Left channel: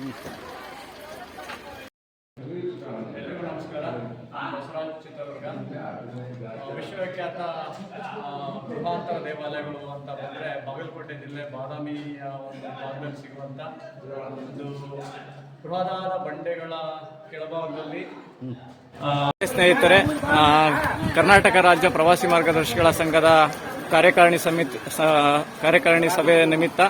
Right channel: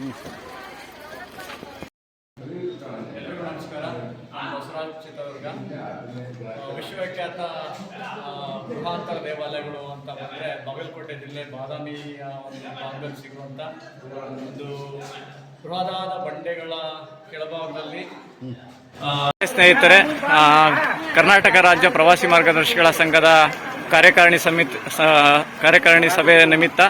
ಎಲ್ರಿಗೂ ನಮಸ್ಕಾರ. ನಾನು ಬಸವರಾಜ್ ಚಿತ್ರದುರ್ಗ. ವಿಶ್ವವಿಖ್ಯಾತ ಗುಹಾಂತರ ದೇವಾಲಯಗಳು ಅಂತ ಬಂದರೆ ಬಾಗಲಕೋಟೆ ಜಿಲ್ಲೆ ಬಾದಾಮಿಯ ಒಂದು ಭಾಗದಲ್ಲಿ ಸಿಗುವಂಥ ಒಂದು ಬೃಹದಾದ ಬಂಡೆಗಳ ಕೆಳಭಾಗದಲ್ಲಿ ಸ್ನೇಹಿತರೆ, ಕರ್ನಾಟಕ ರಾಜ್ಯ ಪ್ರವಾಸಿ ಮಾರ್ಗದರ್ಶಿಗಳ ಸಂಘದ ಕಾರ್ಯಕಾರಿಣಿ ಸಭೆ ನಿಮಿತ್ತ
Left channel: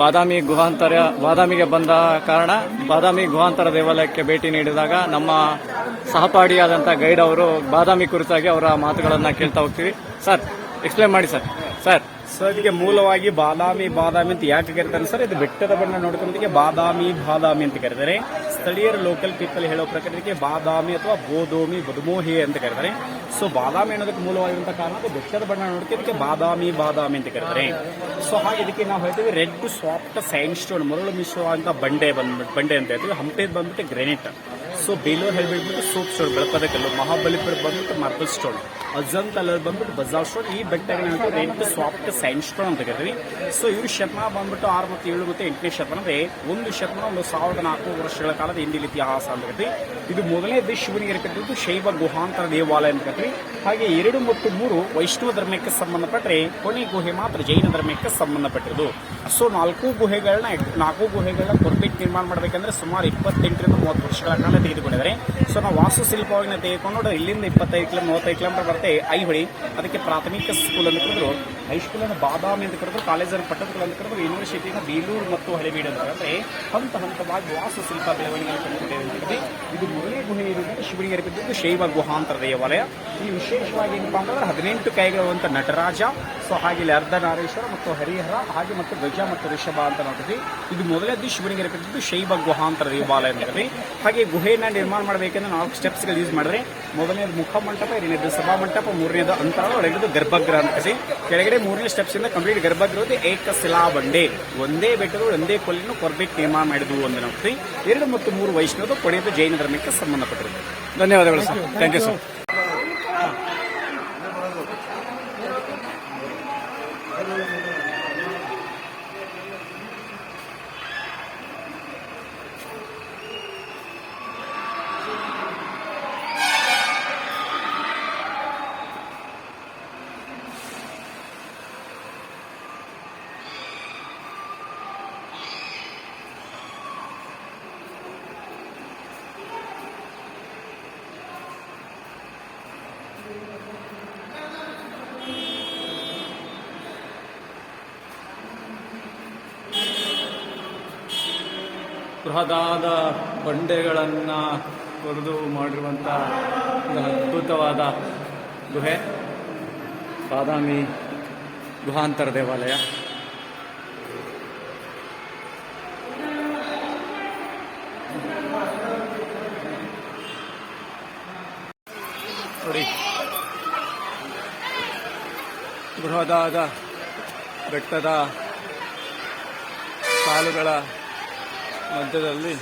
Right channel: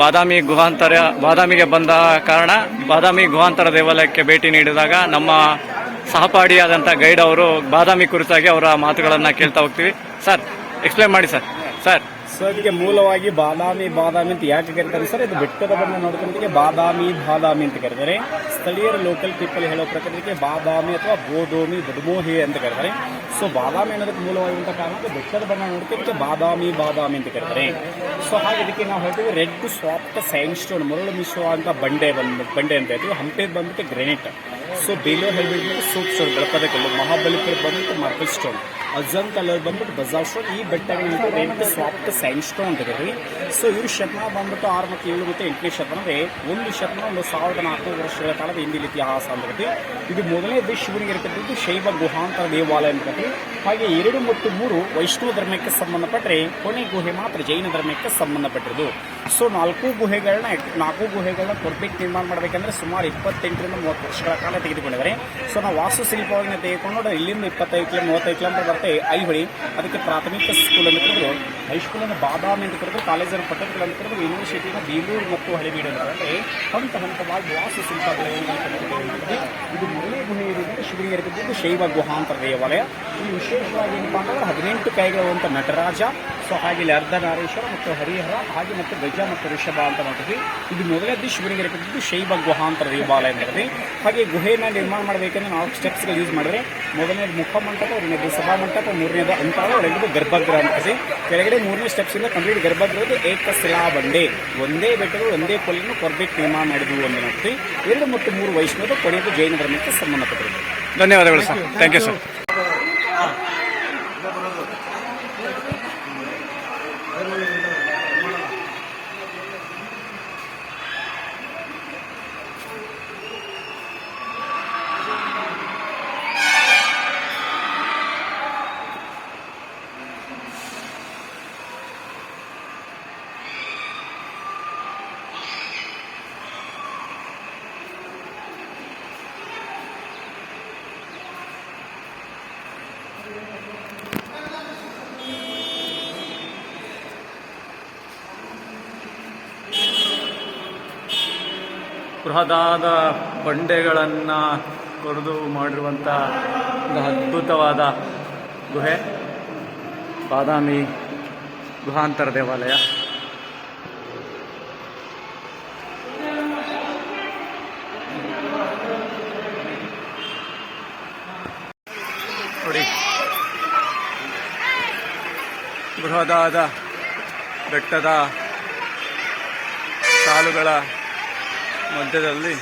ಬಾದಾಮಿಗೆ ಬಂದ ಕಾರಣ ಬಾದಾಮಿ ಗುಹಾಂತರ ದೇವಾಲಯಕ್ಕೆ ಭೇಟಿ ನೀಡಿದಾಗ ನಮ್ಮ ಸಹಪಾಠಿಯಾದಂಥ ಗೈಡ್ ಅವರು ಬಾದಾಮಿ ಕುರಿತಾಗಿ ಅವರ ಮಾತುಗಳನ್ನು ಕೇಳ್ತಾ ಹೋಗ್ತೀವಿ. ಸರ್, ಎಕ್ಸ್ಪ್ಲೇನ್ ಮಾಡಿ ಸರ್. ಸೊ ಇದಕ್ಕೆ ಮೂಲವಾಗಿ ಬಾದಾಮಿ ಅಂತ ಯಾಕೆ ಕರೀತಾರೆ ಸರ್? ಇದು ಬೆಟ್ಟದ ಬಣ್ಣ ನೋಡ್ಕೊಂಡಕ್ಕೆ ಬಾದಾಮಿ ಅಂತ ಕರೀತಾರೆ. ಸ್ಥಳೀಯರ ಲೋಕಲ್ ಪೀಪಲ್ ಹೇಳೋ ಪ್ರಕಾರ ಇದಕ್ಕೆ ಬಾದಾಮಿ ಅಥವಾ ಬದುಮೋಹಿ ಅಂತ ಕರೀತಾರೆ. ಸೊ ಬಾದಾಮಿ ಅನ್ನೋದಕ್ಕೆ ಮೂಲವಾಗಿರುವಂತಹ ಕಾರಣ ಅದು ಬೆಟ್ಟದ ಬಣ್ಣ ನೋಡಕ್ಕೆ ಇದಕ್ಕೆ ಬಾದಾಮಿ ಅಂತ ಕರೀತಾರೆ. ಸೊ ಹಾಗೆ ಇದಕ್ಕೆ ನಾವು ಹೇಳ್ತೀವಿ ರೆಡ್ ಸಾಫ್ಟ್ ಸ್ಯಾಂಡ್ ಸ್ಟೋನ್, ಮರಳು ಮಿಶ್ರವಾದಂತ ಬಂಡೆ ಅಂತ ಹೇಳ್ತೀವಿ. ಹಂಪೇದ್ ಬಂದ್ಬಿಟ್ಟು ಗ್ರೆನೇಟ್. ಸೊ ಬೇಲೂರು ಹೇಳ್ಬಿಟ್ಟು ಸೋಪ್ ಸ್ಟೋನ್, ಬೆಳಪದ ಕಲ್ಲು. ಮಹಾಬಲಿಪುರ ಬಂದ್ಬಿಟ್ಟು ಮಾರ್ಬಲ್ ಸ್ಟೋನ್. ಅಜಂತ್ ಅಲ್ಲಿ ಬಂದ್ಬಿಟ್ಟು ಬಜಾವ್ ಸ್ಟೋನ್. ಈ ಬೆಟ್ಟಗಳನ್ನ ರೆಡ್ ಸಾಫ್ಟ್ ಸ್ಯಾಂಡ್ ಸ್ಟೋನ್ ಅಂತ ಕರೀತೀವಿ. ಸೊ ಇವ್ರ ಶತಮಾನ ಬಂದ್ಬಿಟ್ಟು 6 ಮತ್ತು 7 ಮತ್ತು 8ನೇ ಶತಮಾನ, ಅಂದ್ರೆ ಒಂದು ಶತಮಾನ 1400 ವರ್ಷಗಳ ಕಾಲದ ಹಿಂದಿನ ಇತಿಹಾಸ ಅಂತ ಕರೀತೀವಿ. ಇದು ಮೊದಲನೇ ಶಿವನಿಗೆ ಇರತಕ್ಕಂಥದ್ದು ಶೈವ ಗುಹಾಂತರ ದೇವಾಲಯ ಅಂತ ಕರೀತೀವಿ. ಹಾಗೆ 2 ಮತ್ತು 3 ವೈಷ್ಣವ ಧರ್ಮಕ್ಕೆ ಸಂಬಂಧಪಟ್ಟರೆ ಕೊನೆ ಗುಹೆ ಮಾತ್ರ ಜೈನ ಧರ್ಮಕ್ಕೆ ಸಂಬಂಧಪಟ್ಟಿರೋದು. ಸೊ 4 ಗುಹೆಗಳನ್ನ ಕೊರ್ಬೇಕ್ ನಿರ್ಮಾಣ ಮಾಡಬೇಕಂದ್ರೆ ಸುಮಾರು 28 ರಿಂದ 30 ವರ್ಷಗಳ ಕಾಲ ತೆಗೆದುಕೊಂಡಿದ್ದಾರೆ. ಸೊ ನಾವು ವಾಸ್ತುಶಿಲ್ಪವಾಗಿ ತೆಗೆದುಕೊಂಡು ಇಲ್ಲಿಂದ 25 ಕಿಲೋಮೀಟರ್ 35 ಕಿಲೋಮೀಟರ್ ಬರುತ್ತೆ ಐಹೊಳಿ. ಅದಕ್ಕೆ ಪ್ರಾಥಮಿಕ ಸ್ಕೂಲ್ ಅಂತ ಕರೆದ್ರು, ಹೈಸ್ಕೂಲನ್ನು ಬಾದಾಮಿ ಅಂತ ಕರೆದ್ರು, ಕಾಲೇಜನ್ನು ಪಟ್ಟಣಗಳು ಅಂತ ಕರೆದ್ರು, ಯೂನಿವರ್ಸಿಟಿನ ಬೇಲೂರು ಮತ್ತು ಹಳೆಬೀಡು ಅಂತ ಅಂದರೆ ಹಂತವಾಗಿ ವಾಸ್ತುಶಿಲ್ಪ ಬೆಳವಣಿಗೆ. ಇದು ಮೊದಲನೇ ಗುಹೆ ಇರುವುದರಿಂದ ಶಿವನಿಗೆ ಇರತಕ್ಕಂಥದ್ದು ಶೈವ ಗುಹಾಂತರ ದೇವಾಲಯ. ಇಲ್ಲಿ ವಿಶೇಷವಾಗಿ ಏನಪ್ಪಾ ಅಂತಂದ್ರೆ 18 ಕೈಗಳಿರುವಂಥ ನಟರಾಜ. ಸೊ ಹಾಗೆ ಇಲ್ಲಿ ಅರ್ಧನಾರೀಶ್ವರ ಮತ್ತು ಹರಿಹರ, ಹಾಗೆ ಮತ್ತು ಗಜ ಮತ್ತು ಋಷಭ ಅಂತ ನೋಡ್ತೀವಿ. ಇದು ಮೊದಲದ್ದು ಶಿವನಿಗೆ ಇರತಕ್ಕಂಥದ್ದು ಶೈವ ಗುಹಾಂತರ ದೇವಾಲಯ ಅಂತ. ಹಾಗೆ ಗುಹೆಯನ್ನು ನಿರ್ಮಾಣ ಮಾಡಬೇಕಂದ್ರೆ 4 ಸ್ಟೆಪ್ಸ್ಗಳು ಯೂಸ್ ಮಾಡಿದ್ರೆ, ಮೊದಲನೇದು ಮುಖಮಂಟಪ, 2ನೇದು ಸಭಾಮಂಟಪ, 3ನೇದು ಅಂತರ, ಒಳಗಿದ್ದು ಗರ್ಭಗೃಹ ಅಂತ ಕರೀತೀವಿ. ಕೆಳಗಡೆ 3ನೇ ಸ್ಟೆಪ್ಸ್ ಇಂದ ಕಂಪ್ಲೀಟ್ ಗರ್ಭಗೃಹದ ಏಕಶಿಲಾ ಬಂಡೆ, ಒಂದೇ ಬೆಟ್ಟಗಳು ಒಂದೇ ಕೊಲ್ಲಿನ ಕೊರ್ಬೇಕ್ ನಿರ್ಮಾಣ ಮಾಡಿದ್ವು ಅಂತ ನೋಡ್ತೀವಿ. 2 ಮತ್ತು 3 ವೈಷ್ಣವದ, ಕೊನೆಯದು ಜೈನ ಧರ್ಮಕ್ಕೆ ಸಂಬಂಧಪಟ್ಟಿದೆ. ಧನ್ಯವಾದಗಳು ಸರ್. Thank you sir. ಬೃಹದಾದ ಬಂಡೆಗಳನ್ನು ಕೊರೆದು ಮಾಡಿರುವಂಥ ಒಂದು ಅದ್ಭುತವಾದ ಗುಹೆ ಬಾದಾಮಿ ಗುಹಾಂತರ ದೇವಾಲಯ. ನೋಡಿ, ಬೃಹದಾದ ಬೆಟ್ಟದ ಸಾಲುಗಳ ಮಧ್ಯದಲ್ಲಿ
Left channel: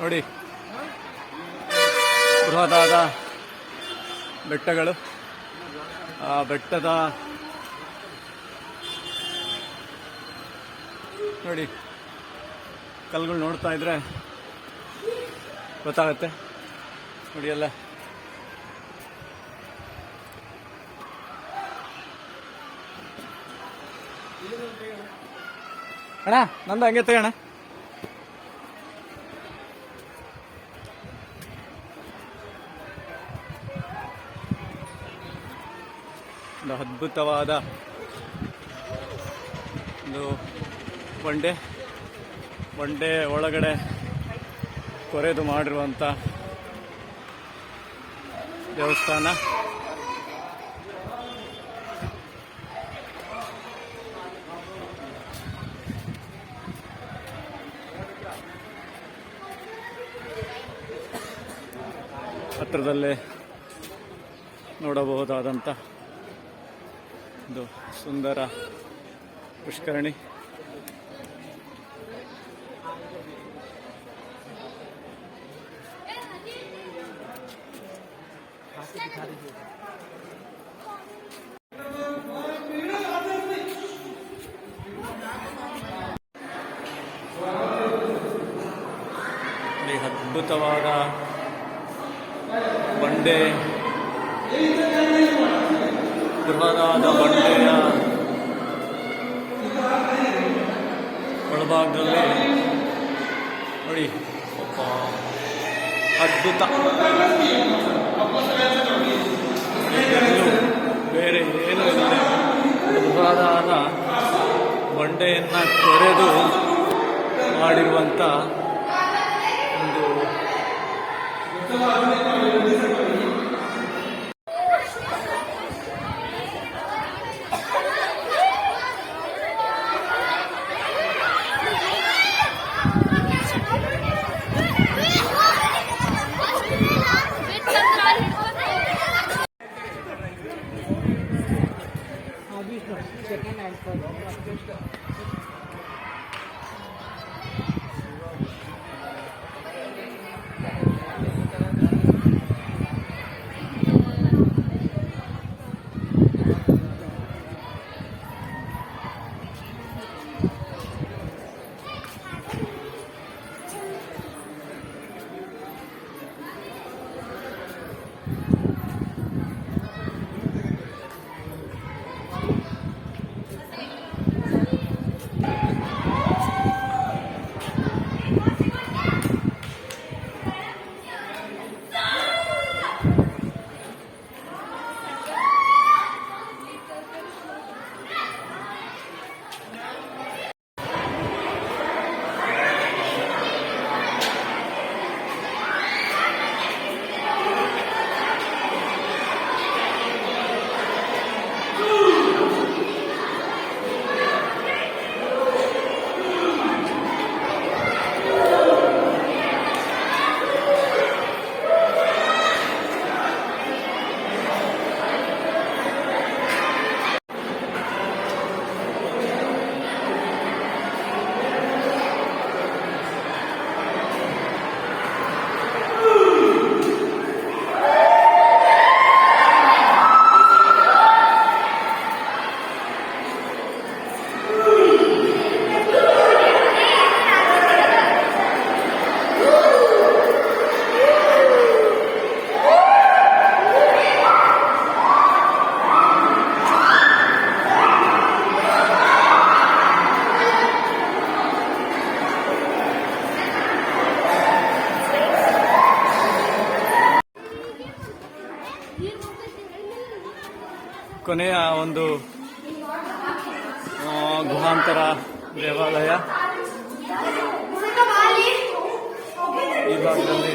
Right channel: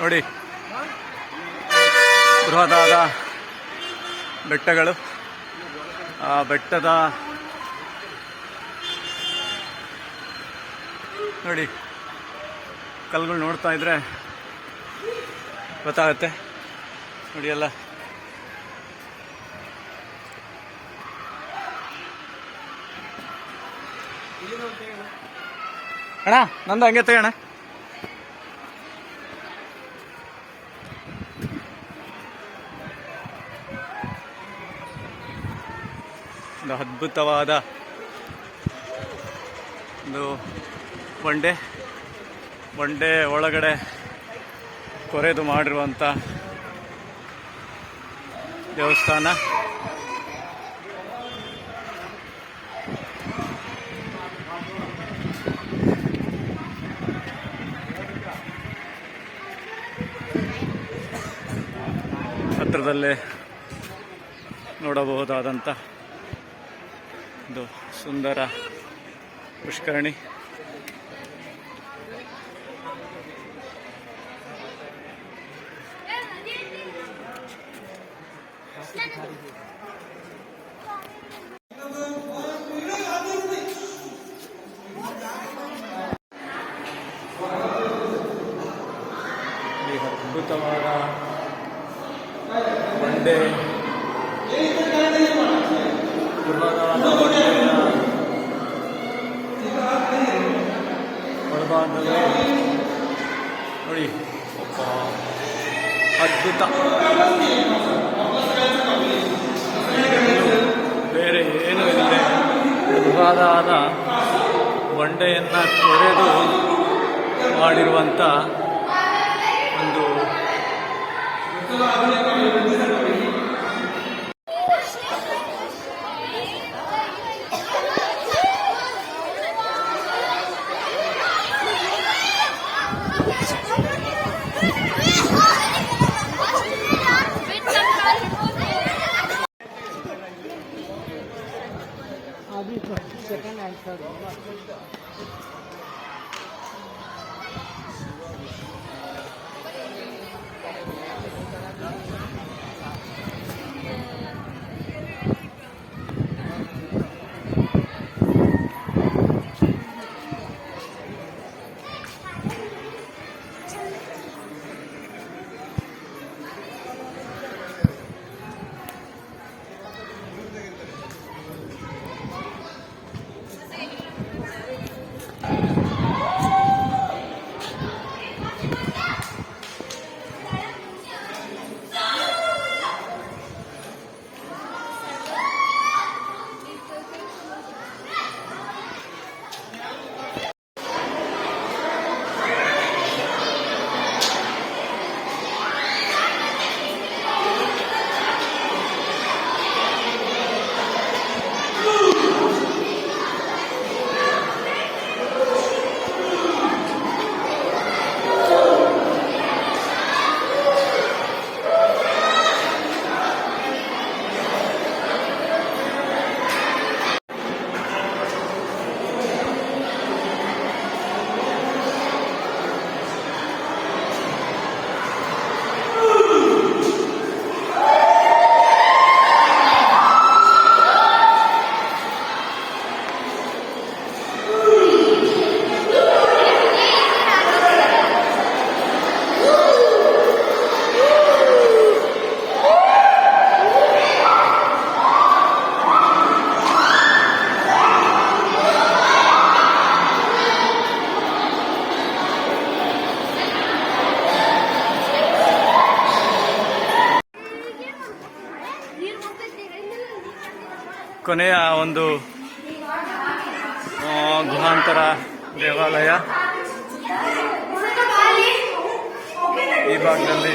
ನೋಡಿ ಬೃಹದಾದ ಬೆಟ್ಟಗಳು. ಆ ಬೆಟ್ಟದ ನೋಡಿ ಕಲ್ಲುಗಳು ನೋಡ್ತಾ ಇದ್ರೆ ಗೊತ್ತಾಗುತ್ತೆ. ನೋಡಿ ಎಲ್ಲ ಅಣ್ಣ, ನಂದು ಹಂಗೆ ತೆಗೋಣ. ಒಂದು ಅದ್ಭುತವಾದ ಒಂದು ಬಂಡೆ ಒಳಗಡೆ ಕೊರೆದು ಮಾಡಿರುವಂಥ ದೇವಸ್ಥಾನ. ಹತ್ತಿರದಲ್ಲೇ ನೋಡಬಹುದಾದಂಥ ಒಂದು ಸುಂದರ ಪುಷ್ಕರಣಿ. आपको दिखा दीजिएगा। ಈ ಅದ್ಭುತವಾದ ಬಂಡೆ, ಬೃಹದಾದ ಬಂಡೆಯ ಒಳಭಾಗದಲ್ಲಿ ನೋಡಿ, ಒಬ್ಬ ಅದ್ಭುತ. ಇನ್ನು ಬೇರೆ ಏನು ಇಲ್ಲದೆ ಬೃಹದಾದ ಬಂಡೆಯನ್ನು ಕೊರೆದು ಮಾಡಿರುವಂಥ ಒಂದು अभी सेकेंड आंसर ಕೊನೆಯ ಒಂದು ಗುಹಾಂತರ ದೇವಾಲಯ ಈ ಭಾಗದಲ್ಲಿ